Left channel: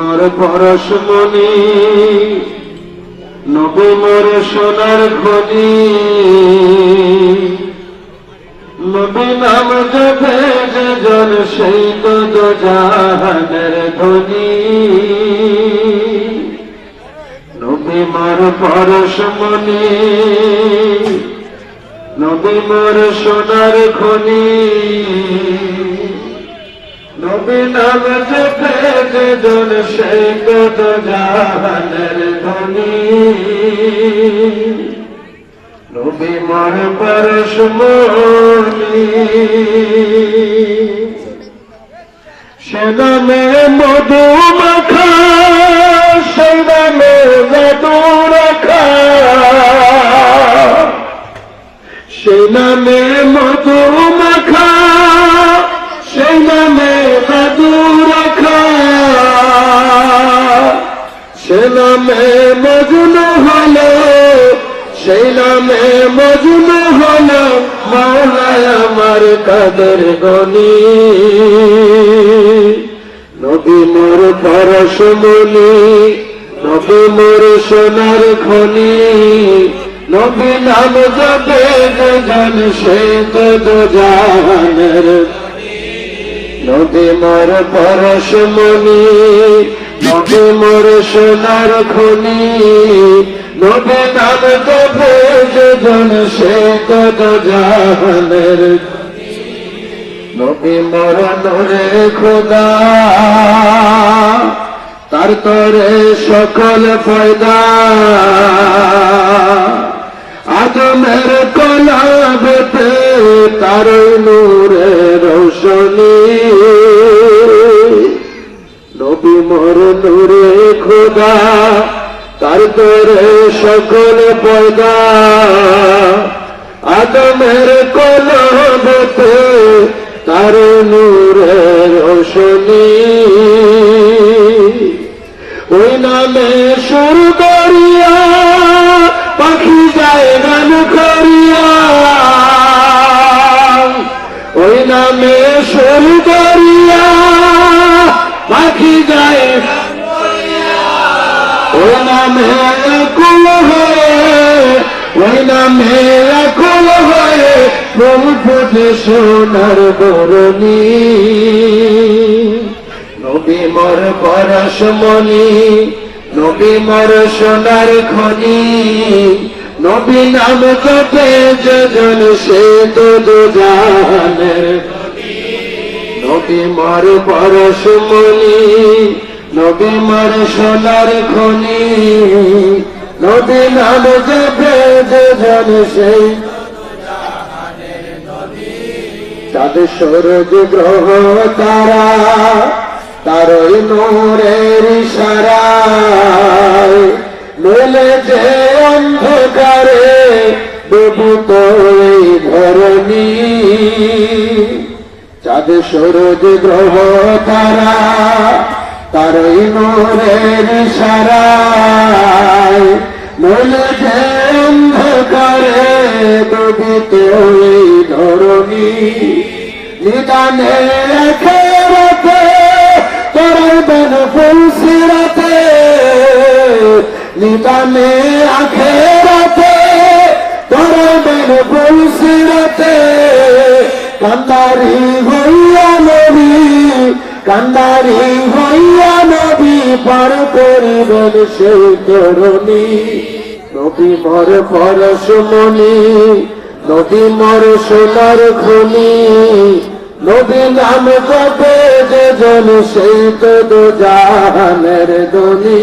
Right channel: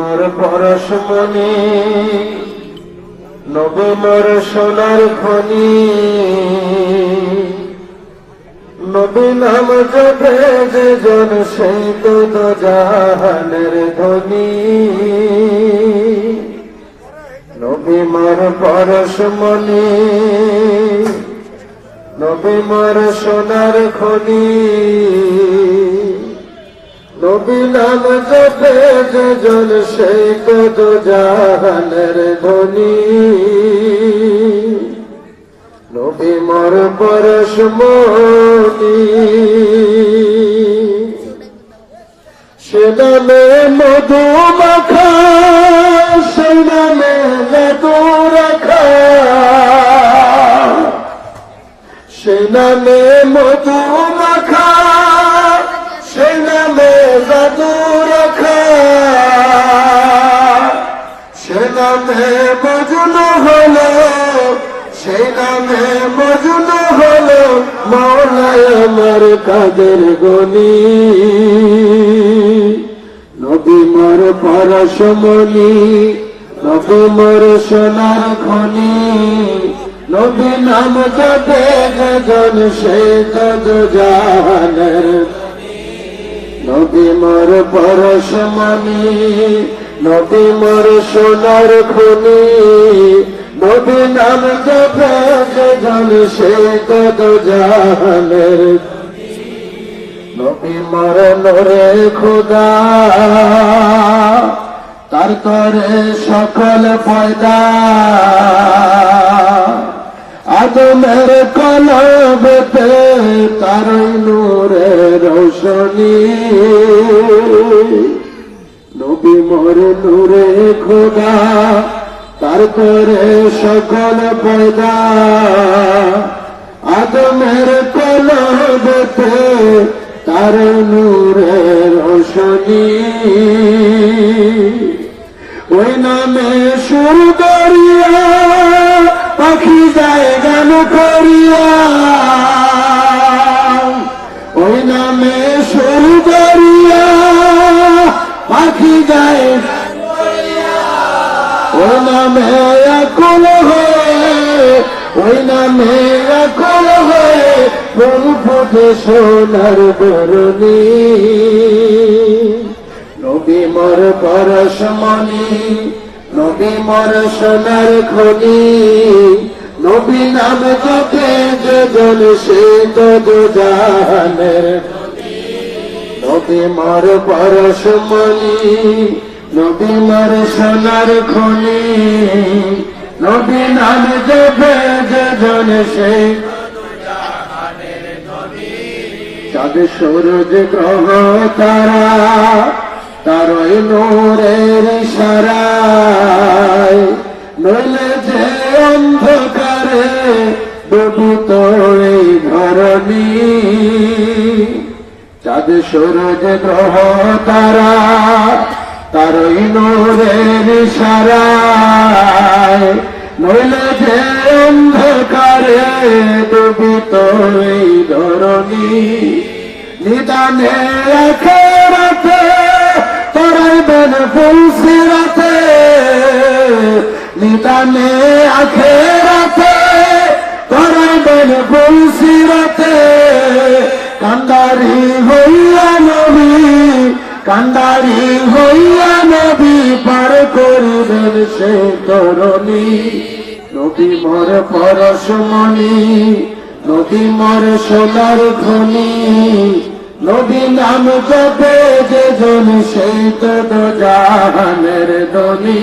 মোর পরশমণি নবী মোর সোনার খনি। নবী নাম জন সেই তো তো জাহানের ধ্বনি নবী মোর পরশমণি নবী মোর সোনার খনি। নবী নাম জপে যে জন সেই কত জাহানের ধ্বনি। নবী মোর পরশমণি সে নামে মধু মাখা, সেই নামে মধু রাখা। সেই নামে মধু সেই নামে মজুন হলো মৌলায় আমার কাদের গনি। নবী মোর পরশমণি, নবী মোর সোনার খনি। নবী নাম জপে গজন সে কদ জাহানের নবী মোর পরশমণি, নবী মোর সোনার খনি। নবী নাম জপে গজন সে কদ জাহানের নবী মরণ রে খোদা। তার তরে সকল পয়দা। আদমের কলবেতে তার নূরে রোশনী। নবী মর নূরে খোদা। তার তরে সকল পয়দা আদমের কলবতে তার নূরে রোশনী। ওই নামে শুরু করিয়া, পাখি যায় গান করিয়া। ওই নামে শুরু করিয়া, পাখি যায় নামে অকুল হয়ে ফুল ফুটে সোনার বরণী নবী মর পরশমণি নবী মর সোনার খনি। নবী নাম জপে যে জন সে তো জাহানের নবী মর পরশমণি নবী মর সোনার খনি। নবী নাম জপে জন সেই। চাঁদ সূরজ গ্রহ তারা তারই নূরের ইশারায় মেলে যে অন্ধকারে ডুবিত এই ধরণী চাঁদ সূরজ গ্রহ তারা তারই নূরের ইশারায় মেলে এই ধরণী। নিদানে খেরাতে তরাইবেন ফুলসিরাতে নিদানে আখেরাতে তরাইবেন ফুলসিরাতে কান্দারি হইয়া নবী, কান্দারি হইয়া নবী, পার করিবেন সে তরণী। নবী মর পরশমণি নবী মর সোনার খনি নদী নাম জপে যে জন সেই তো জাহানের দনি